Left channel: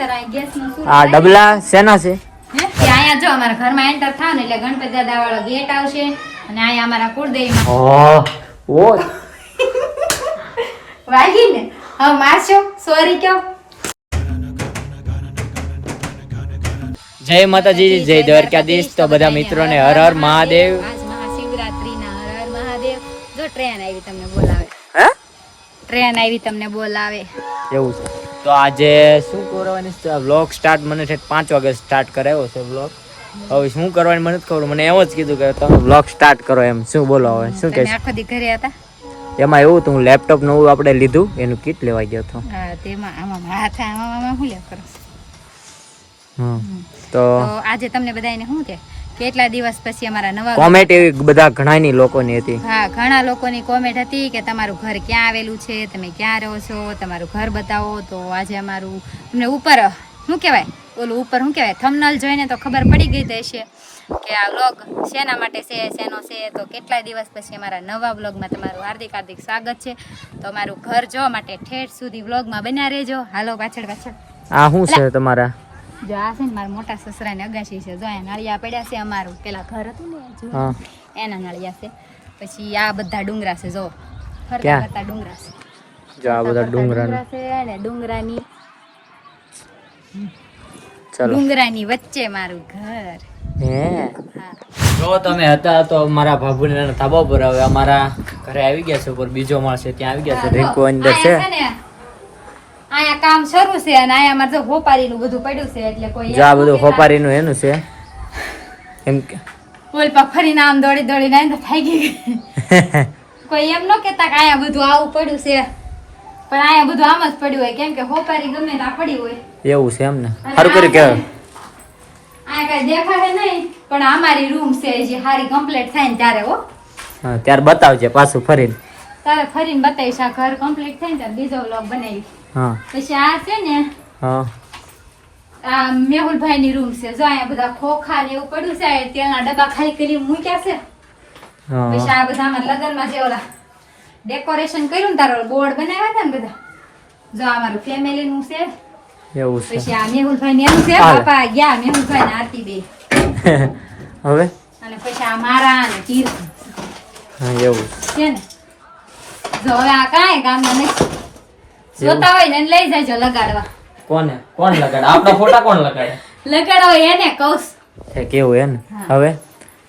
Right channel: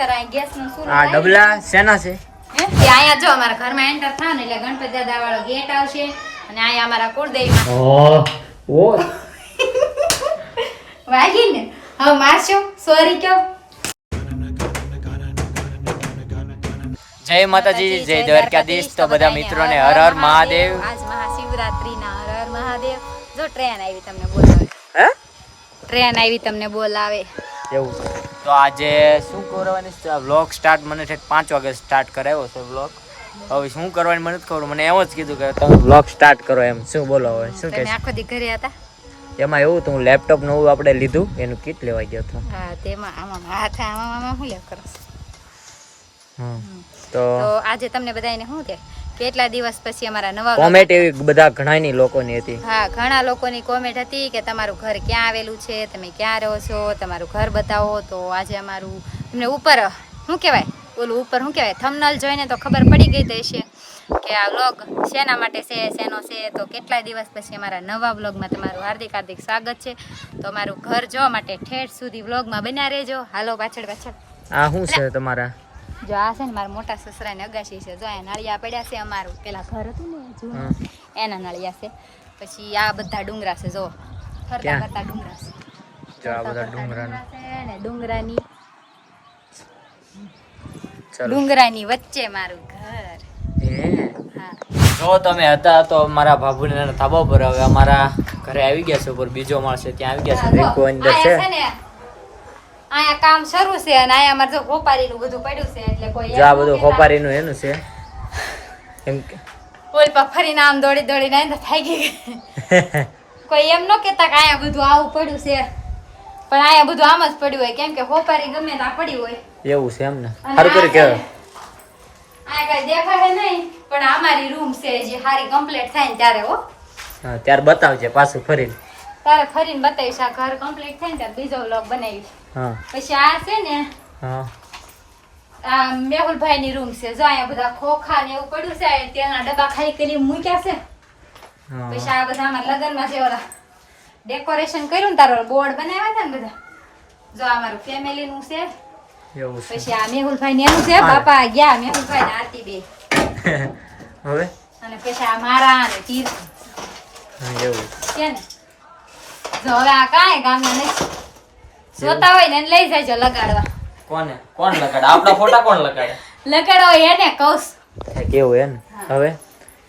આ ડબલા શેના છે? અહીંયા જો અમારા ઘરમાં એન્ટર થાય ને એટલે ગણપતિ દાદા વાળો ગેટ આવશે અને અહીંયા અમારા કુળદેવીમાં. ઓ ઓ. વાગી ને? હવે મારશો? સોરી કયો જય માતાજી જય દ્વારકાધીશ. તો બધા મિત્રોને હર હર મહાદેવ. આજ મહાશિવરાત્રીના હર હર મહાદેવ. જો ટ્રેન આવી તમને બોલાવે. હા ટ્રેન આવી તમને બોલાવે. એવું છે. તો આજે શું કરવાની વ્લોગ સ્ટાર્ટ મને છે પાંચ વાગે સ્ટાર્ટ કરાવ્યો છે વ્લોગ હવે શું કરવાની મને ખબર. મને એમ જ કીધું કે તમે વ્લોગ સ્ટાર્ટ કરો એમ. શું બોલો હવે? શું તમે કે આખો દી ઘરે હતા? એમાં એવું હતું હું લેપટોપ નવું આપણે લીધું એનું કીટ લેવા ગયો હતો. હા તેમાં આમાં હાથ આમાં આમાં શું લેવ કરો? હમ. તો તો આજે તમને બધાને શું કે? કેટલા દિવસ પછી અમારા નવા કોમેન્ટ એવી બધા ઘણાની લોકોની હતી. હા ઘણા લોકોની કોમેન્ટ હતી કે તમારું ઘર ક્યાં આવેલું છે તમે ક્યાં રહો છો તમારું ઘર બતાવો. તો આજે અમારું તમને ઉપર શું કહેવાય? ઓલું ઉપર શું કહેવાય? થમનલ જોઈને તો ખબર પડી ગઈ દેશે કે આ વ્લોગ શેના માટે છે શેનો છે. તો કેટલાય દિવસ પછી અમારા નવા વ્લોગમાં તમારું હાર્દિક હાર્દિક સ્વાગત છે. તો અમારું ઘર જોવા માટે ઠેઠ સુધી વ્લોગમાં બન્યા રહેજો. હાલો પાછળ પાછળ. આ શું છે તમારા? જો આ છે ને મારા મોટા સસરાને અગાસી છે. જો આ નાળિયા પડ્યા છે અમારું. પેલા ઘર હતું ને એના નાળિયા છે. પછી આ બધા ડુંગરા છે. જો. ફરતા ફરતા ડુંગરા છે. જો આ બધા ડુંગરા ડુંગરા છે અને ડુંગરાની ચાલો. ડુંગરાની વચ્ચે મારું ઘર. હે? હા. જો તમે હતા તો મારા ભાભુને ધાબા પર હવે અમારા ઘરે આવી ગયા છે. ઉપર બીજો માળ છે ત્યાં આવી ગયા છે. રીંકુ અંદર છે. આયા ને કામ શરૂ છે અને આયા મારે હોપારી નું બધું પડ્યું છે એટલે કોઈ જા બધું હોપારી નું. એનું છે. એમ કે ઓલ પા ફરીને આમ દોડી દોડીને આઈને થઈ ગઈ. કોઈ એમ ન કેતા કે આયા બધું આવું પડ્યું છે. પણ આયા બધું આમ જ પડ્યું હોય. કેમ કે હોપારી ગમે ના પડી હોય. એવું છે એમ ને. સારું કરી કે આયા કઈ દેખાડે નહીં પણ અમારી રૂમ છે જે હારી કમ્પ્લીટ થાય ને ત્યારે હો. હા ત્યારે બતાવજે પાછું ફરીને. તારે ફરીને બતાવીશ આ ઘર કમ્પ્લીટ થાય ને ત્યારે બીજો વ્લોગ બનાવીશ. હા. પછી આ છે ને હા. આ મેહુલભાઈ ની રૂમ છે. જો અહીંયા બધા ખોખા ને એવું પડ્યું છે તેલના ડબ્બા ખાલી કરી મૂક્યા છે. પછી આ બધા અમારા લગ્નમાં જે ઓલા ડેકોરેશન કર્યું ને તારો બોર્ડ બનાવ્યા હતા ને બધા. જો આ મારું ફેમિલી નું છે. એવું છે. પછી આ મેહુલભાઈ ને એવું છે. બાપા ગયા મેહુલભાઈ ને આરતી બે. હવે? અને પછી આ મારા અને તીર્થ હા એવું. છે ને? જો હવે આ કાંઈ ગામના નથી જોતા હોય ને લઈ જાય છે લગાડવા. કોને? કોણ લગાડે? આપણા ફોટા કોણ લગાડે? લગાડવા એને કૌશ કેવું હે. હવે?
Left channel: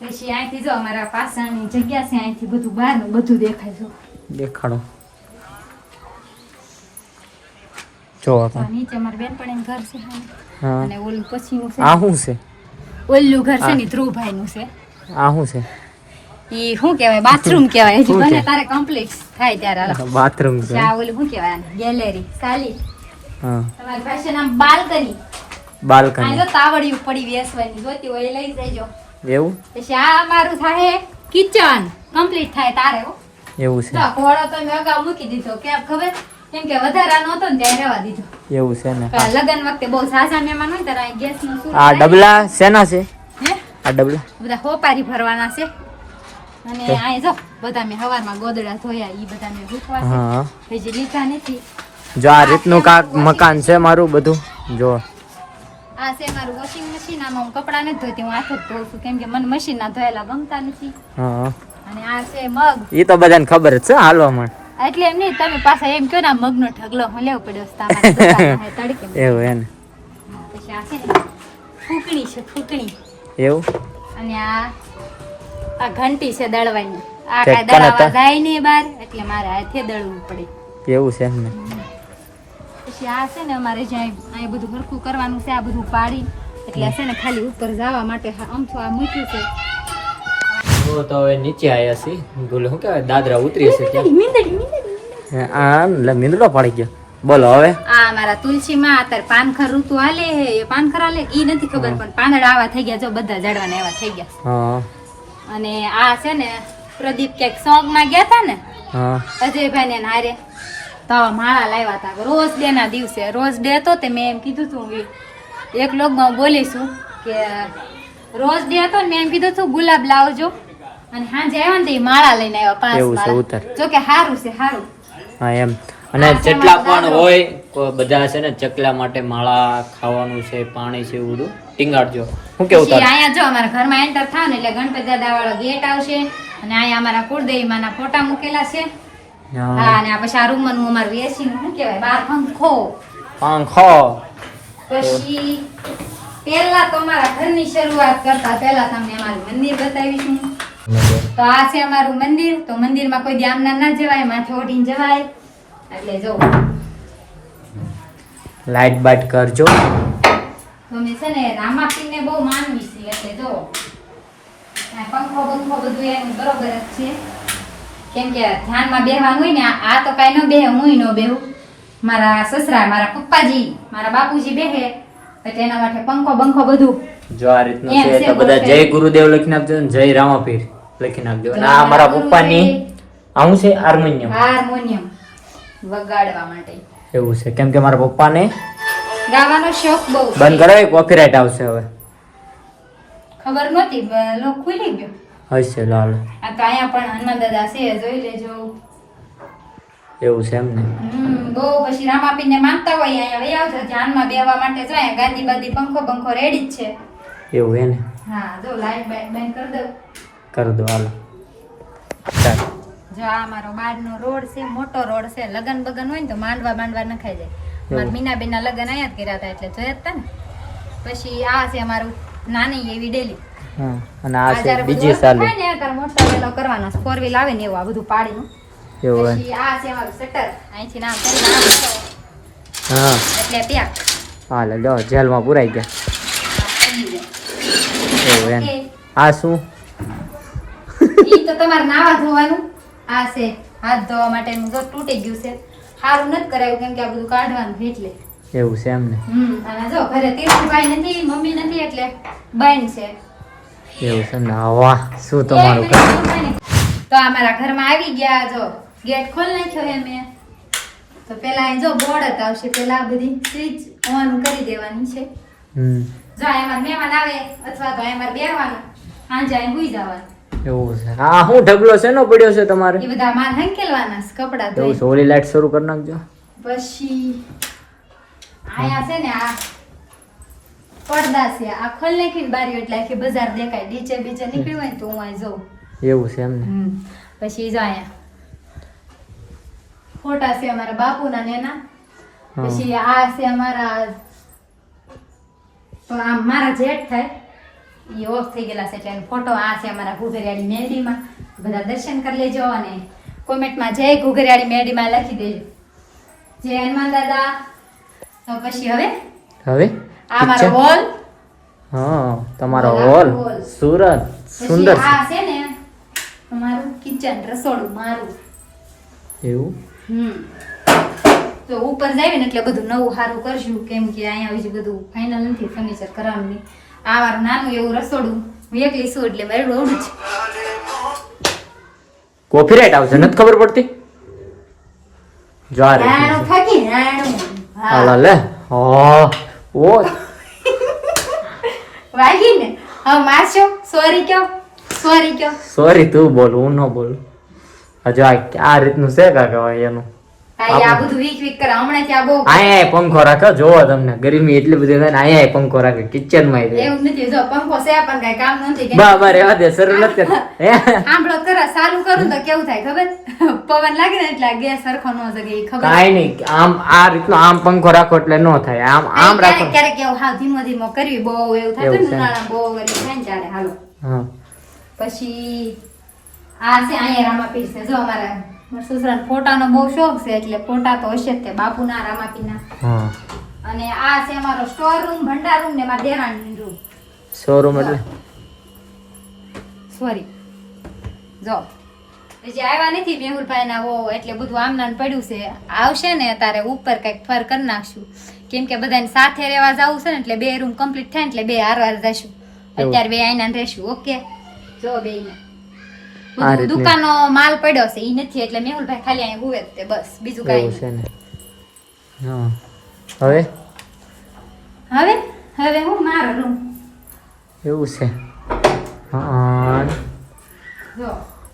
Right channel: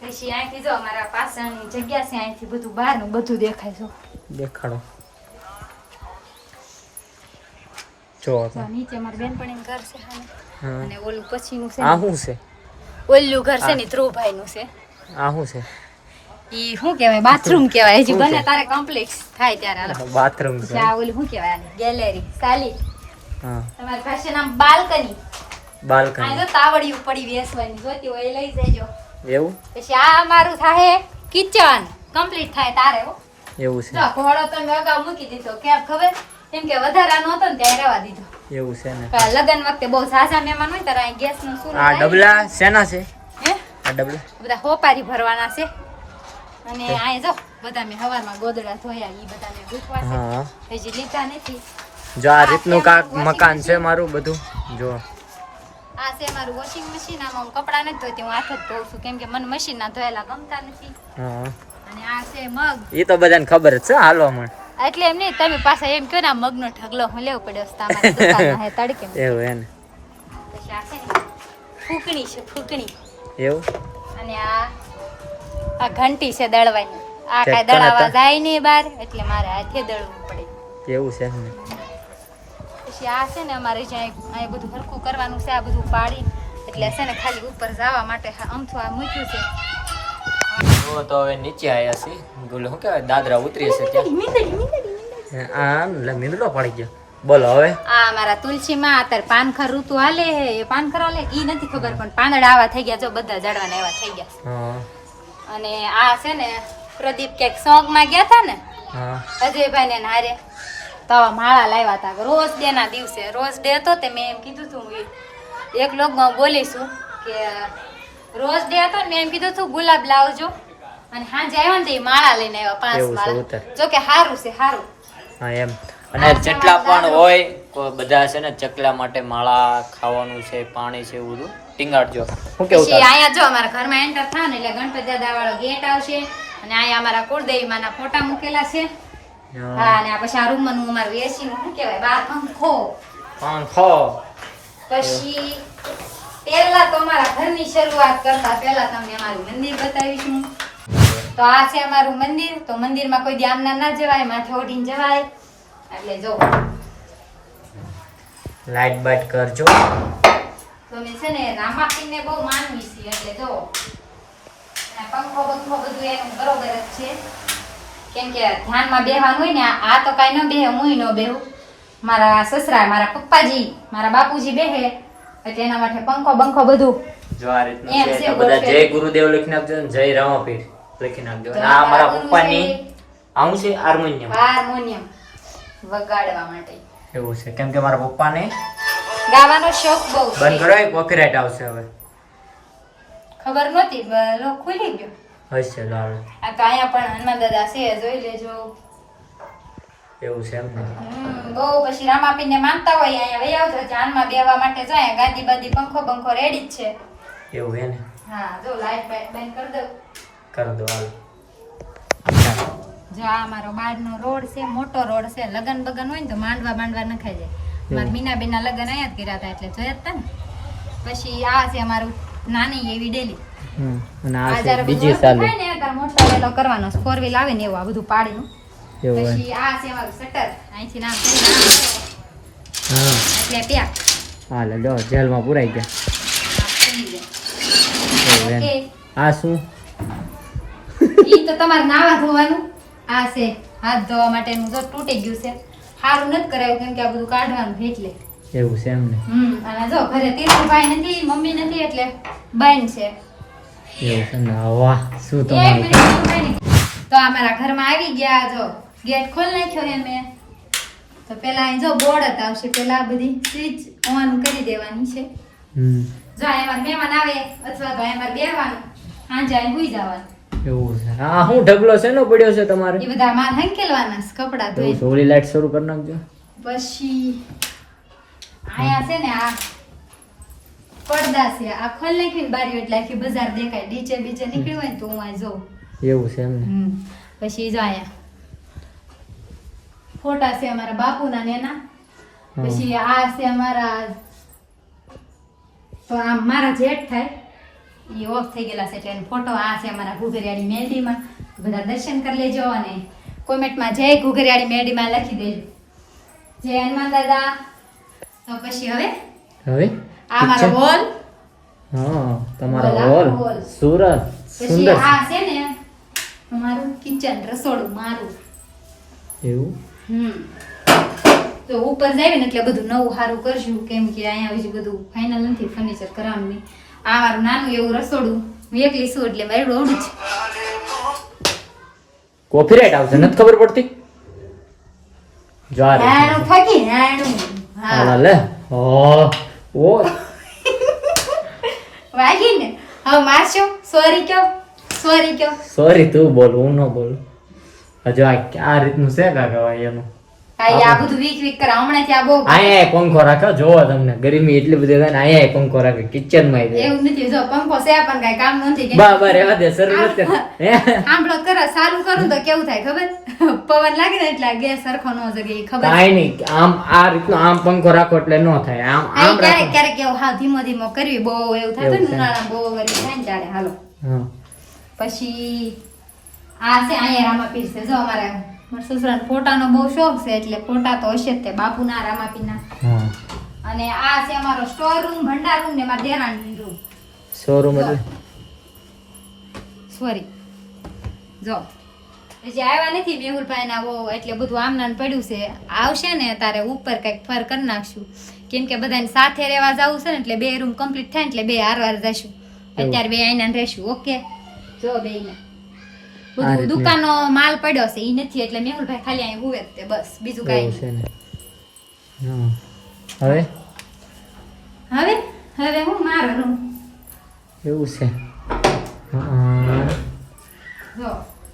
પછી અહીંથી જો અમારા પાસાની જગ્યા છે અહીંથી બધું બહારનું બધું દેખાય છે. દેખાડો જો તો. નીચે મારા બેનપણીનું ઘર છે હા. હા. અને ઓલું પછીનું છે. આ શું છે? ઓલું ઘર છે ને ધ્રુવભાઈનું છે. આ શું ઈ શું કહેવાય? બાથરૂમ કહેવાય. હજી ભલે તારે કમ્પ્લીટ થાય ત્યારે બાથરૂમ છે. આ ઓલું શું કહેવાય? ગેલેરી સાલી. હા. તમારી પાસે નામ બાલ્કની. આ બાલ્કની જો તાવડિયું પડી વેસવાની જોતી હોય લઈ જજો. એવું? પછી આ અમારું થાય કિચન કમ્પ્લીટ થાય તારે એવું છે. તો ઘોડો તો મેં અગાઉ મૂકી દીધો. કેમ ખબર? કેમ કે વધારા નહોતો ને ત્યાં રહેવા દીધો. એવું છે ને. લગ્ન વખતે બહુ સાસા મહેમાન હોય ત્યારે ગેસનું શું આ ડબલા શેના છે? હે? આ ડબલા. બધા હોપારી ભરવાના છે. અને આ જો બધા મેં હવારમાં ગોદડા ધોયા એ બધાને મેં છે હજી લીધા નથી. જો આ રીતનું કાક મકાન છે મારું બધું. જો. આ છે મારું વોશિંગ મશીન આમાં હું કપડાં નથી ધોતી હું હાથ જ ધોઉં છું કેમ કે મને મશીન ના ધોયેલા ગમતા નથી. અને આ છે મગ. એ તો બધાને ખબર જ છે હાલવા એટલે એમ નહીં તમે પાછા એમ કહો ને મગનો ઢગલો હું લેવો પડ્યો તમારા દુકાનમાં હે તડકે. એવું એને. પછી આ છે ફૂકણી છે ફૂકણી. એવું? અને આ આ ઘંટી છે દળવાની. આ કાંઈ દળાવા જાય નહીં બાર એટલે મારે હાથે દળવું પડે. એવું છે ને પછી આ છે ને અમારે જ્યાં આ બધું ભરખું કરવાનું છે આ બધું પાડી. એટલે છે ને ખાલી ઉપર જવા માટે અમથું આ મૂક્યું છે. તો તો હવે નીચે આવ્યા છીએ ગુલ શું કહેવાય? દાદરા ઉતરી છે ત્યાં. આ મીંદડો પડી ગયો. બોલો હવે. આ મારા તુલસી માં અત્યારે પાનખર ઋતુ હાલે હે એ પાનખર હાલે ઈ નથી ખબર પણ પાંદડા આવા થઈ ગયા જો બધા ઝાડવાના એવા થઈ ગયા. હા. અને આ છે ને પ્રદીપ ક્યાંક સોગમાં ગયા હતા ને અજયભાઈ ને હારે તો માળા લાવ્યા હતા રોજ ડે ના દિવસે રોજ ડે હતો તે મેં એમ કીધું ઈ એક લોકમાં બોલીશું કે રોજ ડે હતો ને મેં એમ કીધું હતું ગુલાબ લાવજો. અને સાંજે આવ્યા ને એ માળા લઈને આવ્યા પાંચ માળા. જો કે સારું છે સારું હા એમ. અને જેટલા પણ હોય બધા છે ને ચકલા માટે માળા ખાવાનું છે પાણી છે એવું બધું ટીંગાડજો. શું કેવું પછી? અહીંયા જો અમારા ઘરમાં એન્ટર થાય ને એટલે ગણપતિ દાદા વાળો ગેટ આવશે અને અહીંયા અમારા કુળદેવી માના ફોટા મૂકેલા છે. હા. અને આ પછી આ રૂમનું અમારું એસી નું શું કહેવાય બાર પંખો. પંખો. પછી પહેલા તો અમારા ઘરની શરૂઆત કરતા પહેલા તમને અમારું મંદિર બતાવીશું. તો આ છે અમારું મંદિર. તો મંદિરમાં કોઈ ધ્યાન ના જવાય માથે ઓઢીને જવાય. એટલે જો. લાઈટ બાઈટ કરજો. તમે છે ને રામાપીને બહુ માનવી છે એટલે જો પંખો બંખો બધું એનું બરોબર જ છે. કેમ કે ધ્યાનમાં બેહવાનું હોય ને આ- તો કાંઈ ન બેહે હું ન બેહું. મારા સસરા મારા પપ્પાજી મારા બાપુજી બેહે એટલે એના માટે પંખો બંખો બધું. જો આ રીતનું છે તો બધા જય ગુરુદેવ લખી નાખજો ને જય રામાપીર લખી નાખજો. આ મારા પપ્પાની આવું છે? હાર્મોનિયમ. હાર્મોનિયમ વગાડવા માટે. એવું છે. કેમ કે મારા પપ્પાને ગાવાનો શોખ બહુ બંધ કરો કોપીરાઇટ આવશે હવે. ખબર નહોતી બ- લો ખુલી ગયો. હશે લાલ. આ તો અહીંયા પણ હનુમાન દાદા છે જોઈ લેજો. એવું છે એમ ને? બહુ પછી રામાપીરને માનતા હોય અહીંયા વહી આવજો ધ્યાનમાં બેવા માટે જો અહીંયા ગાદી બાદી પંખો બંખો રેડી જ છે. એવું હે ને? હા જો લાઈટ બાઈટ બંધ કરી દઉં. કરી દો હાલો. ચાલો. જો આ અમારો બહારનો રોડ છે મોટો રોડ છે લગન બગન હોય ને તો માંડવા માંડવા નખાઈ જાય. મારા મીના બેનના લગન અહીંયા જ કર્યા હતા એટલે જોયા હતા ને. પછી આ છે અમારું નાની એવી ડેલી. અને આ છે બીજી સાલ થાય ને ત્યારે મોટા વેલો કરવાનો ફોર વ્હીલ આવે ને એવું આ બધું પાડીનું. પછી આ છે અમારું શટર અહીંથી નામ કરીને આમ હા. એટલે પેક હાલે જો જેલમાં પુરાઈ ગયા આ શું? ઈ તો તમારે નાવા ધોવાનું. આ છે હાથ ધોવા માટેનું જો તૂટી ગયું છે. સારું નથી કરાયું કેમ કે આ બધું કાઢવાનું એટલે. એવું છે એમ ને? હમ અને જો ઘરે તીર્થભાઈ નથી મમ્મી નથી એટલે બેન છે. એવું છે ને? વાહ શું તમારું તો આ મારા ઘરમાં આવી ગયા જો. ગેટ ખોલ નાખ્યો છે મેં. તો પેલા જો બોર્ડ આવશે પેલા બધી સ્વિચ ઓન કરી દેવાની છે. હમ. જો એમાં મહેમાન આવે અથવા તો એમાં બેહવાનું સાંજે અહીં ભૂઈ જવાનું. એવું છે. હા હું ઢગલો શેનો પડ્યો છે તમારે? એ બધા માર હંકેલવાના છે કપડાં એવું ધોઈ લાઈટ શરૂ કરી નાખજો. પછી આયા છે ને આ પડદા છે આ ખોલ નાખીને બારીઓ એટલે આખી બજાર દેખાય. નીચે બીચે નીકળી હોય તો હું અહીં જોઉં. એવું છે એમ. પછી જો ફોટા છે અમારા બાપુના નેના પછી આ છે અમારા તો મારા જેઠ થાય. એ ઓફ થઈ ગયેલા છે એટલે એનો ફોટો આ છે અમારા ઘુઘરિયાળી મેરડીમાં બધા દર્શન કરી લેજો અને કોમેન્ટમાં જય ઘુઘરિયાળી મેરડીમાં લખી દેજો. જય હનુમાન દાદા. તો પછી હવે? હવે? આ મારો હોલ. હા તમારો હોલ. સુરત. સુંદર. આ છે ને અમારું કિચન રસોડું મારું. એવું? હમ. તો ઉપર જઈએ ને એટલે બધું નવું સારું કરશું. કેમ કે અહીંયા બીજું બધું ફાઇનલ નથી ફર્નિચર કરવાનું નહીં. આ મારું નાનું એવું રસોડું. હું એકલી છું એટલે મારી રોડ છે કોપીરાઇટ આવશે નથી ખબર પડતી? જો આ રીતનું નાનું. ફાકી નાનું હા. લે. હા. ઓ વાગી ને. હવે મારશો? સોરી કયો સોરી કયો સોરી તું બોલ હું ન બોલું. હજુ આ રીતનું છે કાકા એનું? આ બધું વીક વીક કરે. હમણાં ત્યાં બહુ અહીંયા પંખો રાખો. જોવો તમને. ગરમી એટલી બધી થાય ને અહીંયા પંખો રાખે. કિચનમાં એવું નથી. જો પંખો છે પણ કાંઈ કામ નથી કેમ કે બરાબર દે શરૂ નથી. કરતા. હે? સાંભળો ચાલુ કરું તો કેવું થાય ખબર? પવન લાગે ને એટલે ગેસ સરખો ન જગે એ ખબર? કાંઈ નહીં. આમ આ રીતનો આમ પંખો રાખો એટલે ન થાય. આમ આમ આમ રાખો. ક્યારેક ક્યારેક એવું હાવ ધીમો ધીમો કરવી બહુ એવું થતું ને ઉનાળા બહુ ગરમી થાય ને ત્યારે. હાલો. પછી આ છે અહીંયા રામાપીર છે. જો અમારા મારા સસરાને ફોટાનો બહુ શોખ છે એટલે ફોટા તો હશે જ તે બાપુના રામાપીના. અને આ છે અમારો સ્ટોર રૂમ ભંડાર રૂમ ને મારા દેરાણી રૂમ શોરૂમ એટલે? સોરી જો. જે આવ્યા નથી મેહુલભાઈ ના વો એટલે બધું આમ નામ પડ્યું છે. આવશે ને તારે ઉપર કંઈક ફર કરી નાખશું. કેમ કે બધાને સાથે રહેવા જવું છે ને એટલે બે રૂમ કમ્પ્લીટ થાય એટલે બે હારવાર જશું. અત્યારે બે આઈના રહેશું ઓકે? જો બે આ રીતની. દુકાનનો માલ પડ્યો છે ઈ નથી એટલે મેહુલભાઈ ખાલી અહીં હુવે જ તે બસ બીજું કાઈ છે ને. હા. હવે? હવે? હવે હું મારો રૂમ. એવું છે. હા. જો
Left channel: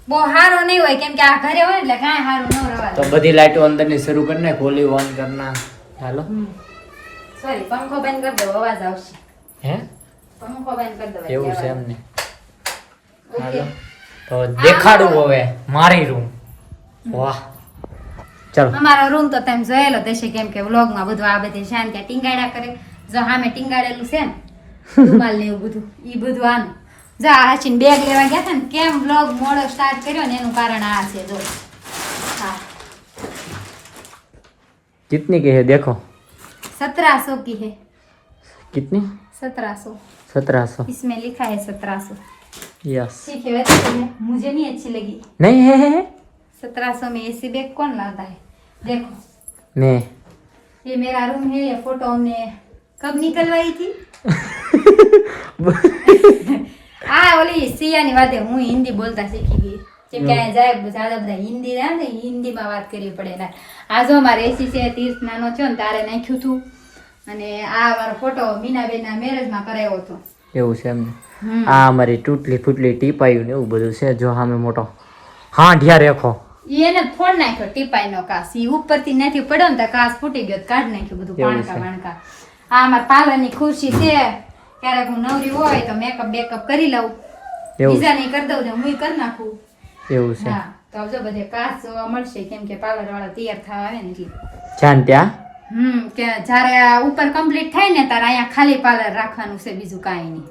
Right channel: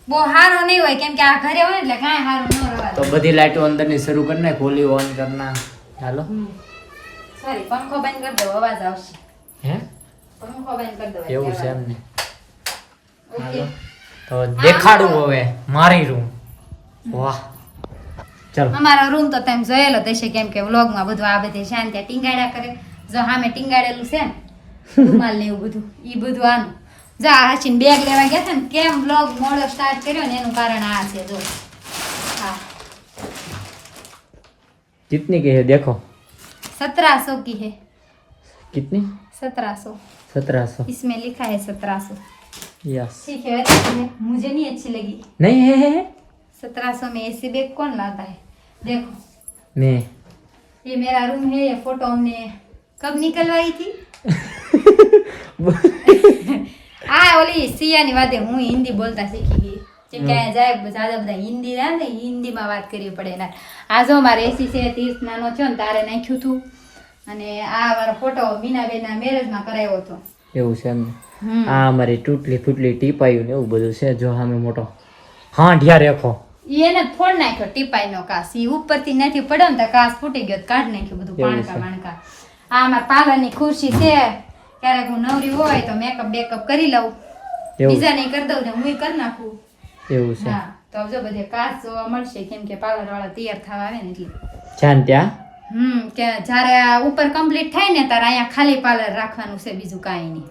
બહુ સારું નહીં હોય કેમ કે આ ઘરે હોય એટલે કાંઈ સારું ન રહેવાય. તો બધી લાઈટો અંદરની શરૂ કરી નાખ ઓલી ઓન કરના ચાલો સોરી પંખો બંધ કરી દો અવાજ આવશે. હે? પંખો બંધ કરી દો એવું છે એમને. હાલો. તો દેખાડું હવે મારી રૂમ વાહ ચાલો અમારો રૂમ તો તમે જોયેલો જ હશે કેમ કે વ્લોગમાં બધું આ બધી શાંતિ ત્યાં ટીંગાડ્યા કરે જો સામે ટીંગાડેલું છે ને રૂમાલ ને એવું બધું ઈ બધું આનું જો આ હાચીને બેગ લેવા ગયા હતા ને કેમ વ્લોગ મોડો સ્ટાર્ટ કર્યો ને એનું કારણ આ છે જો હા कितनी की है देखो सत्रह सौ की है कितनी सत्रह सौ सत्रह सौ इसमें लिखा है सत्रह सौ यस ठीक है वैसे तो ये मुझे नहीं अच्छी लगी नहीं है, है, है? सत्रह सौ में ऐसी बैग कौन लाता है देखो मैं ये मेरा रूम है ये फोटो हमने कब निकलवाई थी હા ઓલી સિયાની વાતે હું હિન્દી બોલતા શીખી ગઈ જેમ કે અહીંયા જાય બધા બધા હિન્દી જાય ને હિન્દીમાં વાત કરવી પડે ને આ જો મારે એસી છે ત્રીસ નાનો થયો ને તારે નાખ્યું હતું અને આ મારો ફોટો મીનાબેનના મેરેજમાં કરાવ્યો હતો એવું છે એમ હમ. આ અમારી તૂટલી ફૂટલી ટીપાયું ને એવું બધું છે જો સામે મોટો હા ઢ્યા રેખો એને ફોડ નાખ્યો ટીપાઈ નો કાસ ઈ ઉપરથી નથી પડ્યો ને તો કાસ ફૂટી ગયો કાઢ નાખ્યો બધું પાણકા વાણકા. આ અમારા પાર્લરની ખુરશી છે. ક્યારેક હું નવરી હોય તો મેકઅપ બેકઅપ કરી લઉં. બીજા નહીં કરી દઉં ને હું કરી નાખું. એવું છે. હા તો જો બધે કાચ જોવા મળશે કેમ કે પાર્લર વાળા તૈયાર થવા આવે ને એટલે. જાન ત્યાં? હમ કે જ્યારે આ ઉપર કમ્પ્લીટ થાય ને ત્યારે અહીંયા ખાલી પાર્લર રાખવાનું છે બીજું કાંઈ નહીં.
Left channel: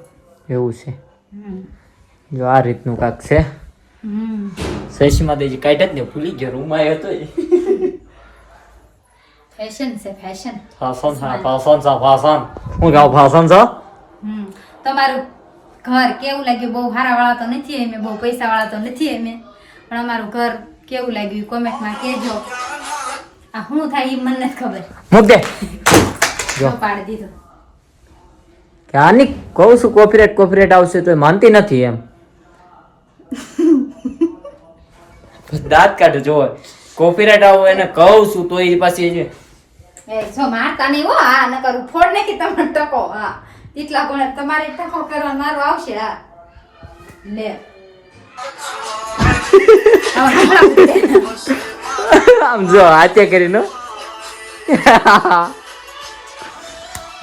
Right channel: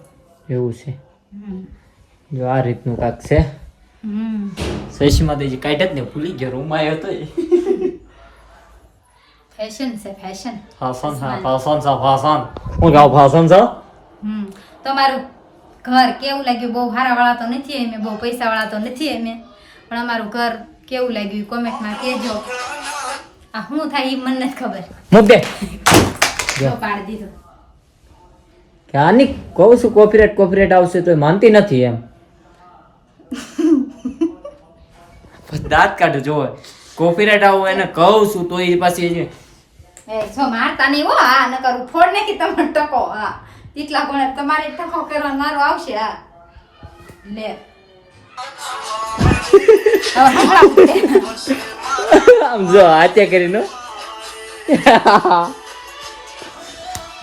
એવું છે. જો આ રીતનું કાંક છે. હમ. શશીમાં તો કાઢ જ ને ભૂલી ગયો રૂમ આવ્યો તો ફેશન છે ફેશન ફાસન હા ફાસન સા ફાસન હું નામ ફાસન સા હમ. તમારું ઘર કેવું લાગ્યું? બહુ સારા વાળા તો નથી એમે બહુ પૈસા વાળા તો નથી એમે પણ અમારું ઘર કેવું લાગ્યું? કોમેન્ટમાં કહેજો. આ શું થાય એ મને ખબર. મુદ્દે જો. પાડી દીધું. કે આની કહું છું કોપીરેટ કોપીરેટ આવશે તો માનતી નથી એમ. દાંત કાઢો જો કોપીરાઇટ આવું એને કહું છું તો એ પાછી એ જો મારતા નહીં હો આ નકર હું ફોડ નાખી તમારે ટકો હા. એટલા ગુણે તમારે ટકો કરવા મારો આવશે હા. લે. આમ જો હાથે કરીને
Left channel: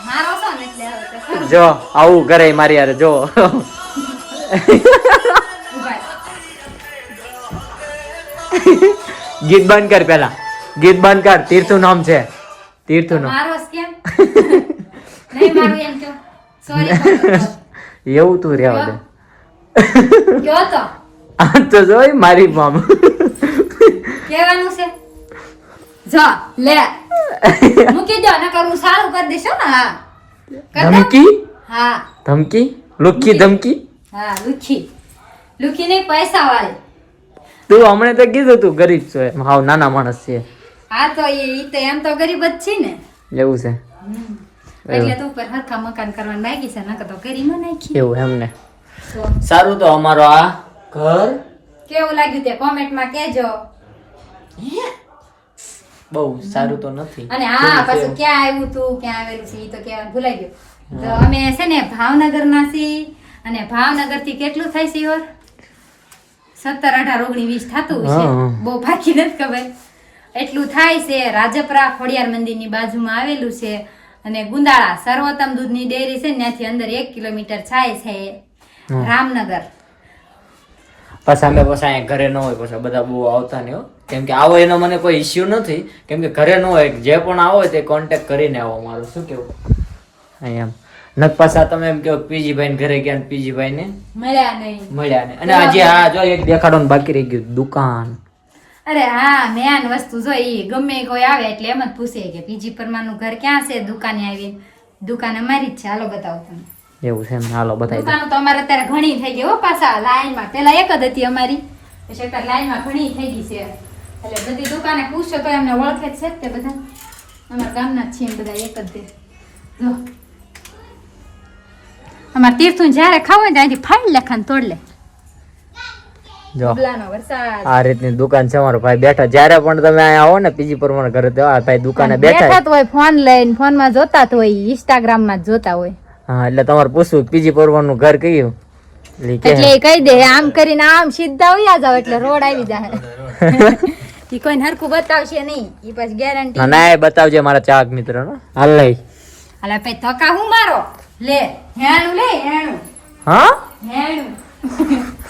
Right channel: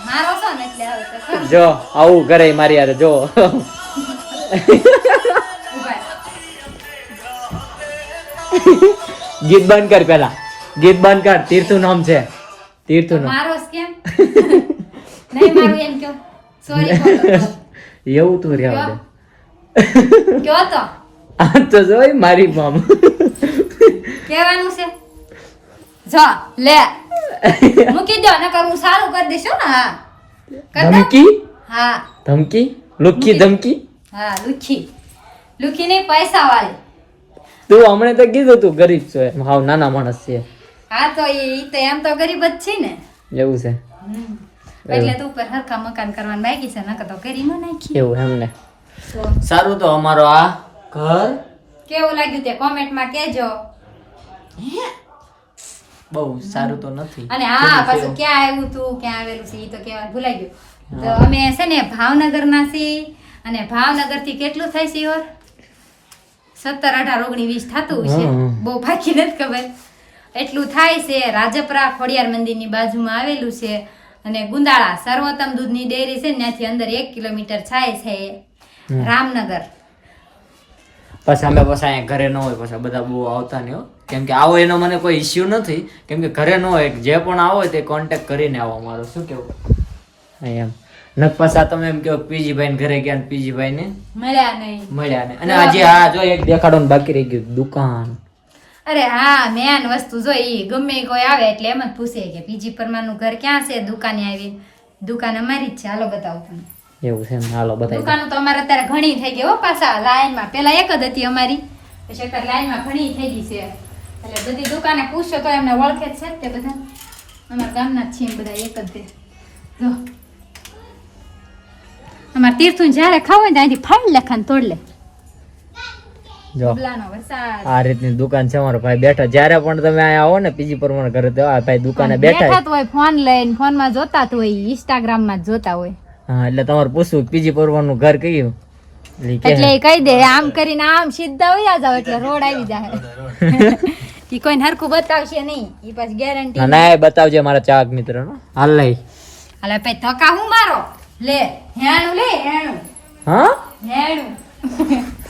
મારો જો આવું ઘરે મારી યાર જો. ગીત બંધ કર પેલા ગીત બંધ કર તીર્થું નામ છે. તીર્થું નામ. મારો જ કેમ નહીં મારું એમ કયો. સોરી એવું તું રહેવા દે. કયો તો. આ તો જોઈ મારી મામ કેવાનું છે. જો લે. મૂકી દો ને કરું સારું કરી દેશો ને. હા. ધમકી? હા. ધમકી? લુખી ધમકી? હા લુખી. લુખી નહીં પૈસા વાળી તું હમણે તો કીધું તું ગરીબ છે. હાવ નાના માણસ છે. હા તો એ તો એમ તો ગરીબ જ છે ને. એવું છે. એટલે તું ઉપર હરખા મકાન કરવાનું બાકી છે નકર તો કરી નો નાખી. એવું એમને. સારું તો અમારો આ ઘર. કેવું લાગ્યું તે કોમેન્ટમાં કહેજો. બહુ સારું તો નથી. અને હા પાછું ક્યાં આવ્યું તું ક્યાં આવેલું છે એ તો કહેવાનું ભૂલાઈ ગયું. તો અમે છે ને ભાવનગરના છીએ અને ભાવનગરથી કેટલું થાય છે ઈવર સત્તર અઢાર ઓગણી વીસ થતું છે બહુ બાકી નથી ખબર. એટલું થાય છે રાજપરા ખોડિયાર મંદિરની બાજુમાં આવેલું છે અને ગુંદાળા સર્વોત્તમ દૂધની ડેરી છે ત્યાંથી અંદર એક કિલોમીટર થાય છે રામનગર. પછી અમે પછી ઘરે ન હોય પછી બધા બહુ આવતા નહીં કેમ કે આવો એનો મને કોઈ ઇસ્યુ નથી. કેમ કે ઘરે ન હોય જે પણ આવો તે કોન્ટેક્ટ કરીને આવો મારો. શું કેવું? અહીંયા. ન પાછા તમે એમ કહો પીજીભાઈ ને ઘરે ગયા પીજીભાઈ ને મળ્યા નહીં. મળ્યા નહીં. અને આજે હા જો એક દેખાડો બાકી રહી ગયું દુકાન. અરે હા મેન વસ્તુ જો એ ગમે કોઈ આવે એટલે એમ જ પૂછે કે પીજી પરમાનું ઘર ક્યાં છે? દુકાને આવી. દુકાન અમારી જ છે. હાલો બતાવું તમને. એવું છે હાલો બતાવી દુકાનો તો અમારે અત્યારે ઘણી થઈ ગઈ હો પાછા લાઈનમાં. પેલા એક જ હતી અમારી. પછી અત્યારે લાઈનમાં ઘણી થઈ ગઈ છે. એટલે બધી દુકાને પૂછો તો એમને ઓળખે છે તે બધા. અમારા ગામના જ છે બધા એક જ જો. અમારા તીર્થું જ્યારે ખાવું હોય ત્યાંથી ફાઈલ લખાને તોડ લે. જો. બબલાનો વરસાદ. આ રીતની દુકાન છે મારો ભાઈ બેઠા. જ્યારે પણ તમે અહીંયા આવો ને પીજી પર મારા ઘરે તો આ ભાઈ દુકાને બેઠા હોય ફોન લઈને ફોનમાં જોતા હોય ઇન્સ્ટાગ્રામમાં જોતા હોય. હા એટલે તમારે પૂછવું પીજી પરવાનું ઘર કયું? એટલે કહી. દે આમ કરીને આમ સીધા વયા જાવ એટલે રોડ આવી જાય ઈ કોઈને હરખું બતાવશે નહીં. ઈ પછી ગેરંટી ના બતાવજે મારા ચાક મિત્ર હાલ લઈ. હાલ પછી ધક્કા હું મારો? લે હેણું લે હેણું. હા? હેણું.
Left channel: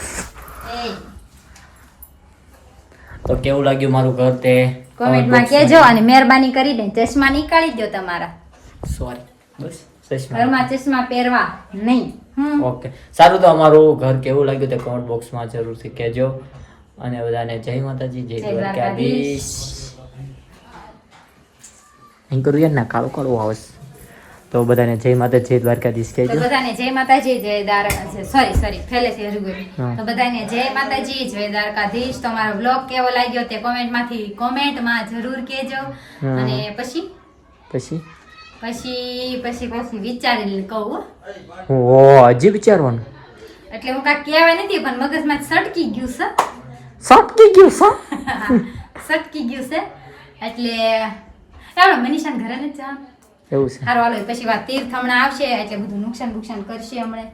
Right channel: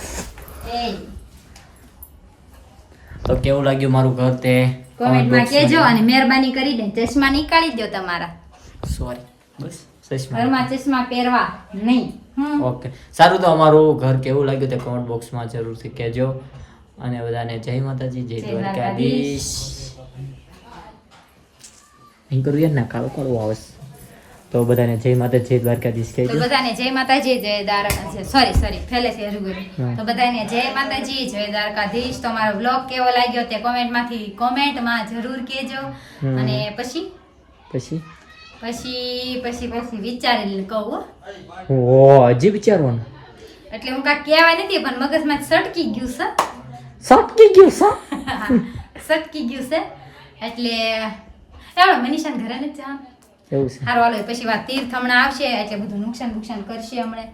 તો કેવું લાગ્યું મારું ઘર તે? કોમેન્ટમાં કહેજો અને મહેરબાની કરીને ચશ્મા નીકાળી દો તમારા. સોરી બસ ઘરમાં ચશ્મા પહેરવા નહીં. ઓકે સારું તો અમારું ઘર કેવું લાગ્યું તે કોમેન્ટ બોક્સમાં જરૂરથી કહેજો. અને બધાને જય માતાજી જય દ્વારકાધીશ. કરું ના કાળો કાળો હાઉસ તો બધાને જય માતા જય દ્વારકાધીશ તો કહેજો બધાને જય માતાજી જય દ્વારકા સોરી સોરી ફેલે છે હજુ તો બધાને જય માતાજી જય દ્વારકાધીશ. તમારો બ્લોગ કેવો લાગ્યો તે કોમેન્ટમાંથી કોમેન્ટમાં જરૂર કહેજો. અને પછી? પછી? પછી પછી પછી વિચારી કહું ઓ હજી વિચારવાનું? એટલે હું કાંઈ કહેવાય નથી પણ મગજમાં સટકી ગયું છે. સટકી ગયું છે? સટકી ગયું છે. એટલે ચાલો મનીષાને ઘરે નથી જવાનું. એવું છે. સારું હાલો પછી વાત તીર્થ હમણાં આવશે એટલે બધું નુકસાન નુકસાન કરશે હમણાં.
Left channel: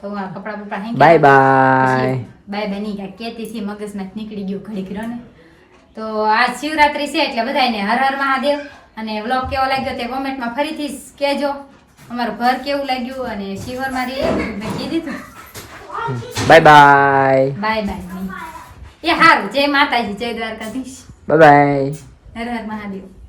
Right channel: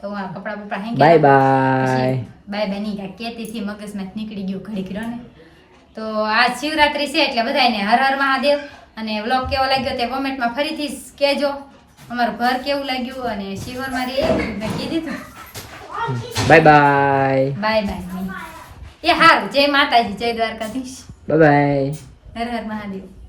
તો આ કપડા બપડા હેંકી બાય બાય. બાય નહીં કાંઈ કહેતી હતી મગજમાં નીકળી ગયું ઘડી ગયો ને તો આજ શિવરાત્રી છે એટલે બધાને હર હર મહાદેવ. અને વ્લોગ કેવો લાગ્યો તે કોમેન્ટમાં ફરીથી કહેજો. અમારું ઘર કેવું લાગ્યું અને શિવર મારી મેં કીધી તું. Bye bye. Bye bye. એ હારું. જય માતાજી જય દ્વારકાધીશ. બાય બાય હર હર મહાદેવ.